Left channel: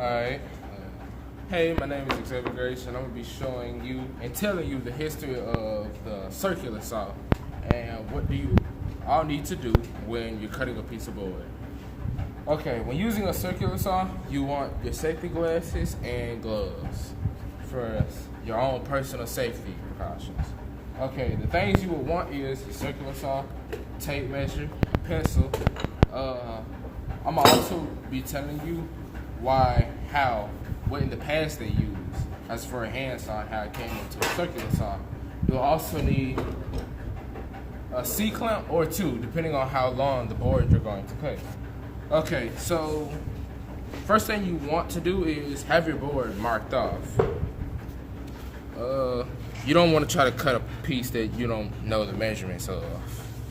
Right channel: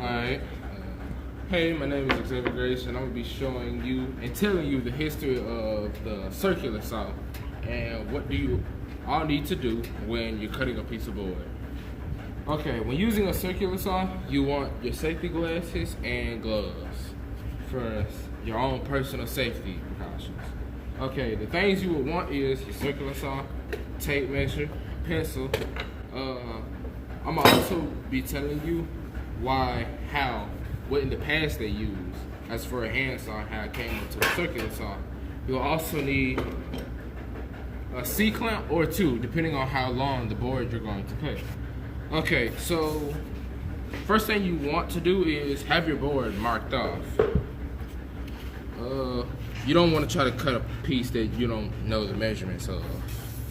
Alright. Hey, my name is Xavier Grace, and I'm going to be showing you and telling you the history of the circular saw and what do you all need to do when you're cutting a piece of board. Okay, when using a circular saw, you want your safety glasses and gloves for your own personal safety precautions. Okay, the things you would want is your circular saw, tape measure, pencil. I'm gonna also be telling you what in the past they used as for a hand saw and how it came into a circular saw. You'll also need a C-clamp or two, depending on how long the board you're going to cut. Okay, so first thing you want to do is have your board marked off. You don't want to try to cut a piece that you don't know the measurements of.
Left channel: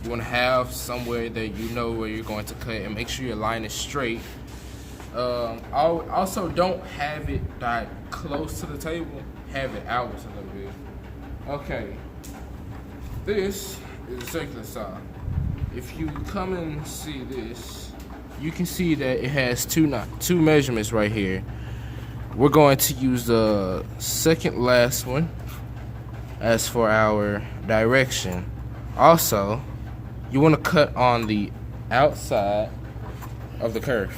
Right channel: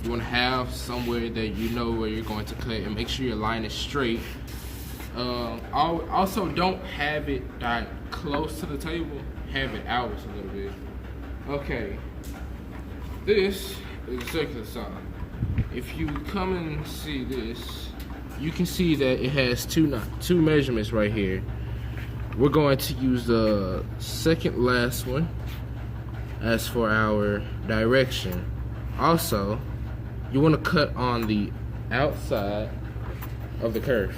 You want to have somewhere that you know where you're going to cut and make sure your line is straight. Also, don't have it close to the table. Have it out a little bit. Okay, this is a circular saw. If you come and see this, you can see that it has two measurements right here. We're going to use the second last one as for our direction. Also, you want to cut on the outside of the kerf.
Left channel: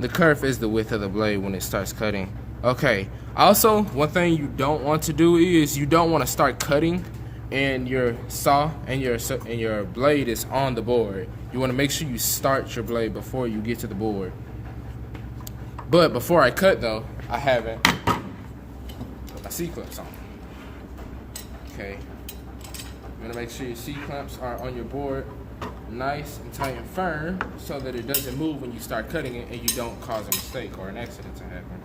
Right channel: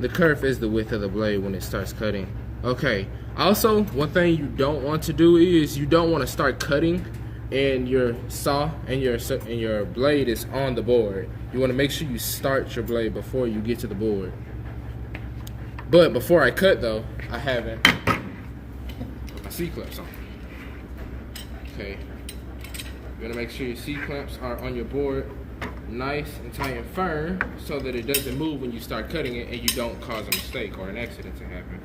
The kerf is the width of the blade when it starts cutting. Okay, also one thing you don't want to do is you don't want to start cutting and your saw and your blade is on the board. You want to make sure you start your blade before you get to the board. But before I cut though, I have my C-clamps on. Okay, you're gonna make sure your C-clamps are on your board nice and tight and firm so that it doesn't move when you start cutting it and you don't cause a mistake or an accident to happen.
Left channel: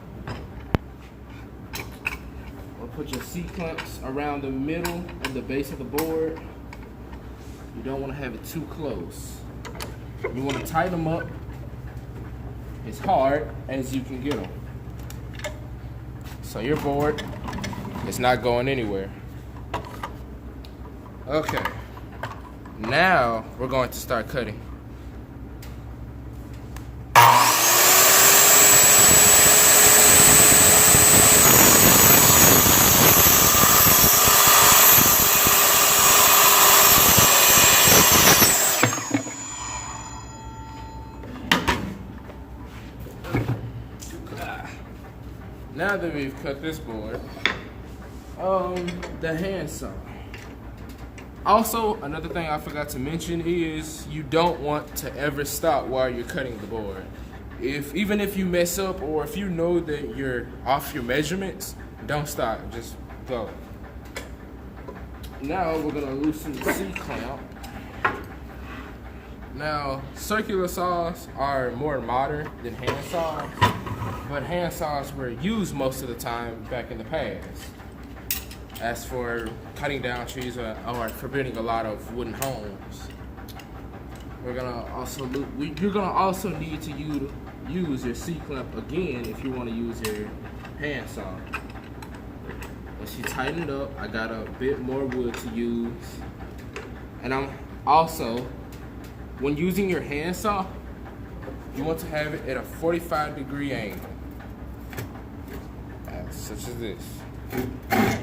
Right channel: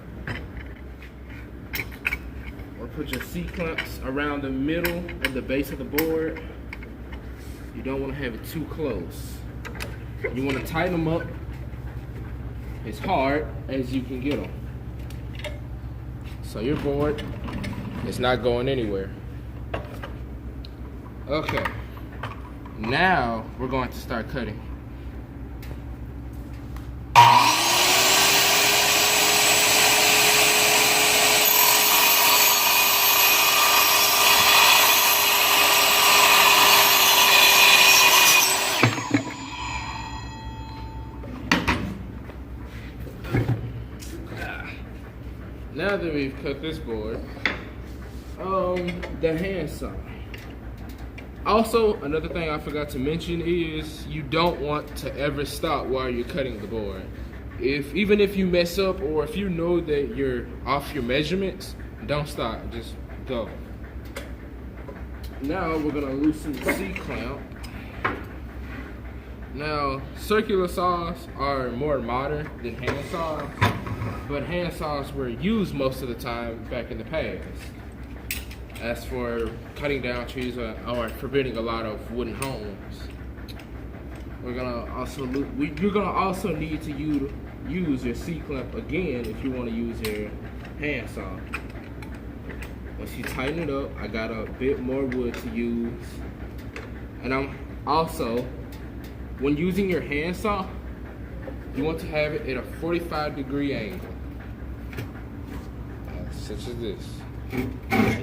Or put your C-clamps around the middle of the base of the board. You don't want to have it too close. You want to tighten them up as hard as you can get them. So your board is not going anywhere. Okay, now we're going to start cutting. Now that we've cut this board, the hand saw. Also, another thing I forgot to mention is you don't want to ever stop while you're cutting the board. Even if you mess up or if you know that you're off your measurements, don't stop, just go. Now we're gonna loosen the C-clamp. Now, circular saws are more modern than hand saws, but hand saws were used most of the time back in the past as for cutting down trees or forbidding a lot of wooden homes. You're gonna also need to use your C-clamp again if you want to use your hand saw. Once you tighten it up, I got a bit more wood to use, and I'm also, when using your hand saw, you want to have it at a 45-degree angle, such as this. And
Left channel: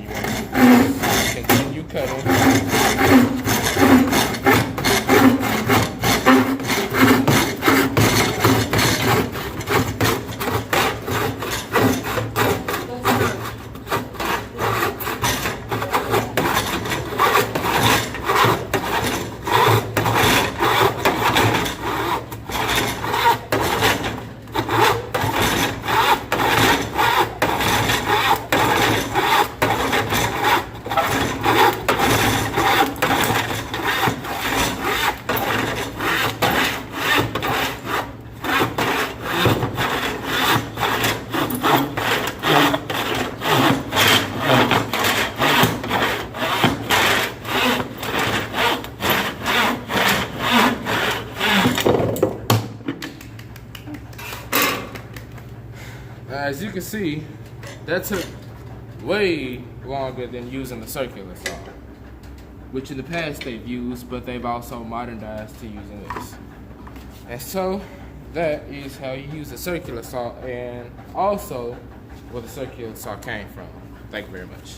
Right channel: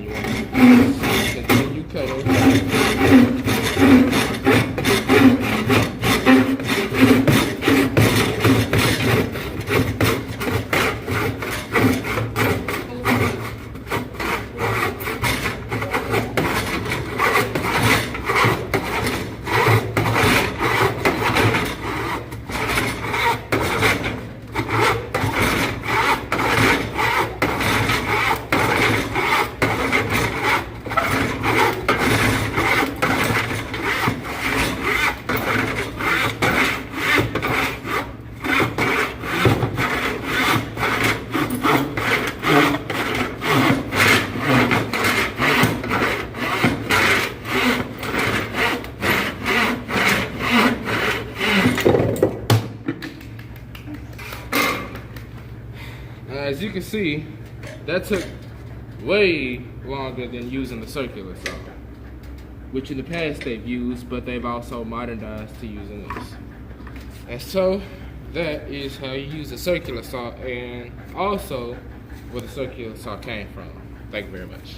you want to continue cutting. As you can see, that took way longer than using the circular saw, which in the past they've used, but they've also modernized to using this. And so that is how you use a circular saw and also where the circular saw came from. Thank you very much.